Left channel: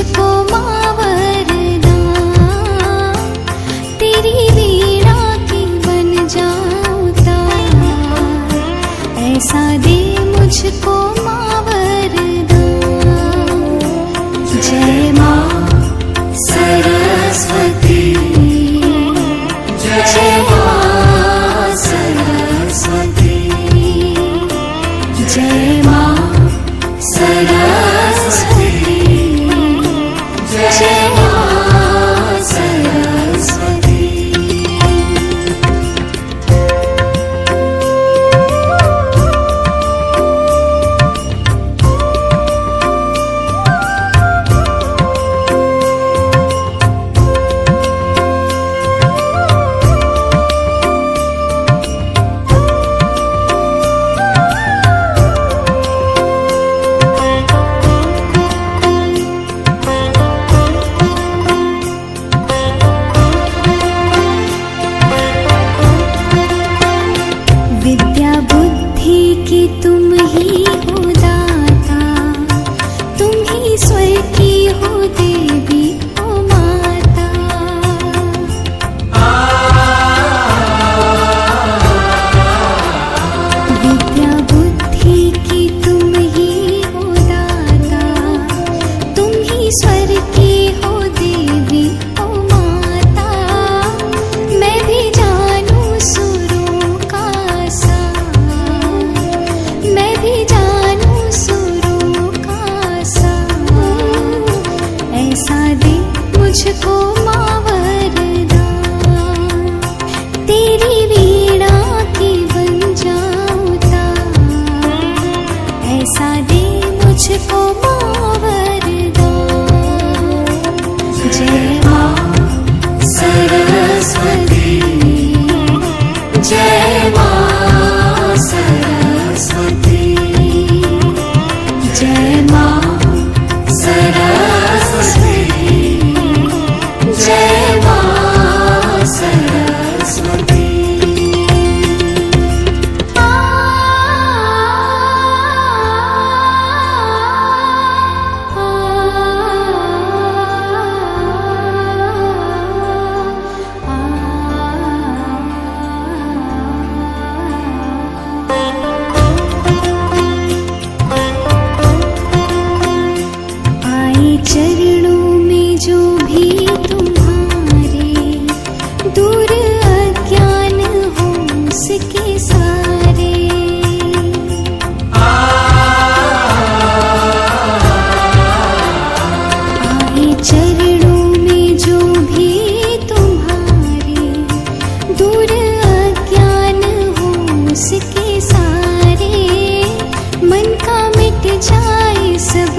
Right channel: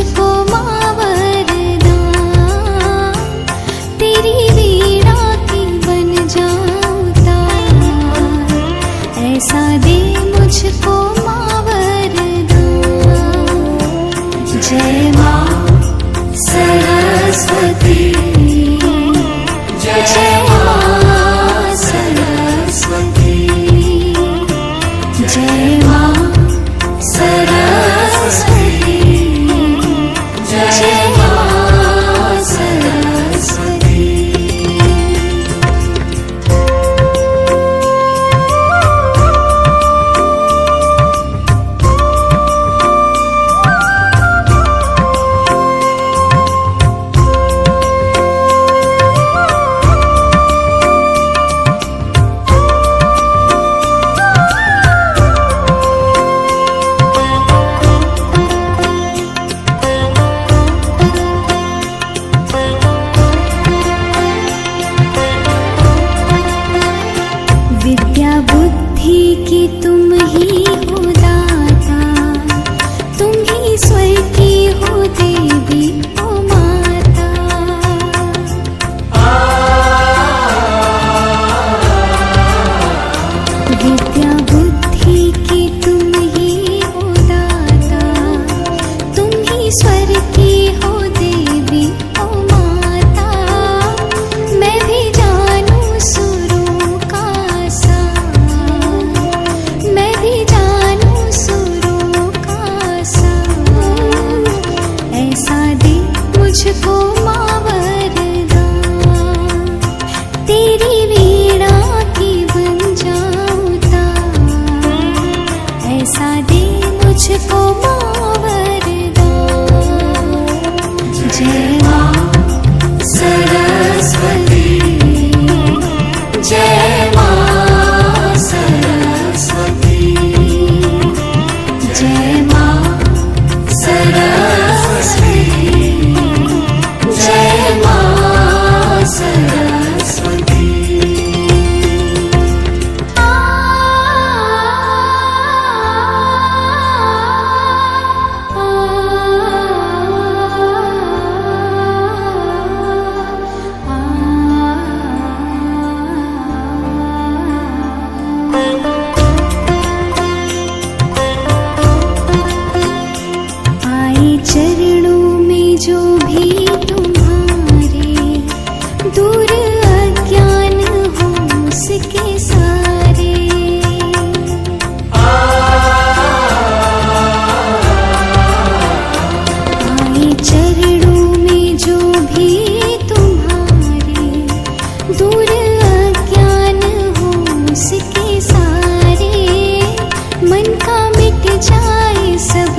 मुझको माँ वरदान, तेरी वीणा की बन जाऊं तार, ऐसा दे मुझको माँ वरदान। जय माँ सरस्वती, जय माँ सरस्वती, जय माँ सरस्वती, जय माँ सरस्वती। विद्या बुद्धि की तुम ही हो दाता, तुम ही स्वर की हो देवी ओ माता। विद्या बुद्धि की तुम ही हो दाता, तुम ही स्वर की हो देवी ओ माता। मैं भी जानूं सुरों का सार, मैं भी जानूं सुरों का सार, ऐसा दे मुझको माँ वरदान, तेरी वीणा की बन जाऊं तार, ऐसा दे मुझको माँ वरदान। जय माँ सरस्वती, जय माँ सरस्वती, जय माँ सरस्वती, जय माँ सरस्वती। चरणों में जो भी तुम्हारे, दूर अज्ञान हो उसके सारे। आए चरणों में जो भी तुम्हारे, दूर अज्ञान हो उसके सारे। मन का मिट जाए सब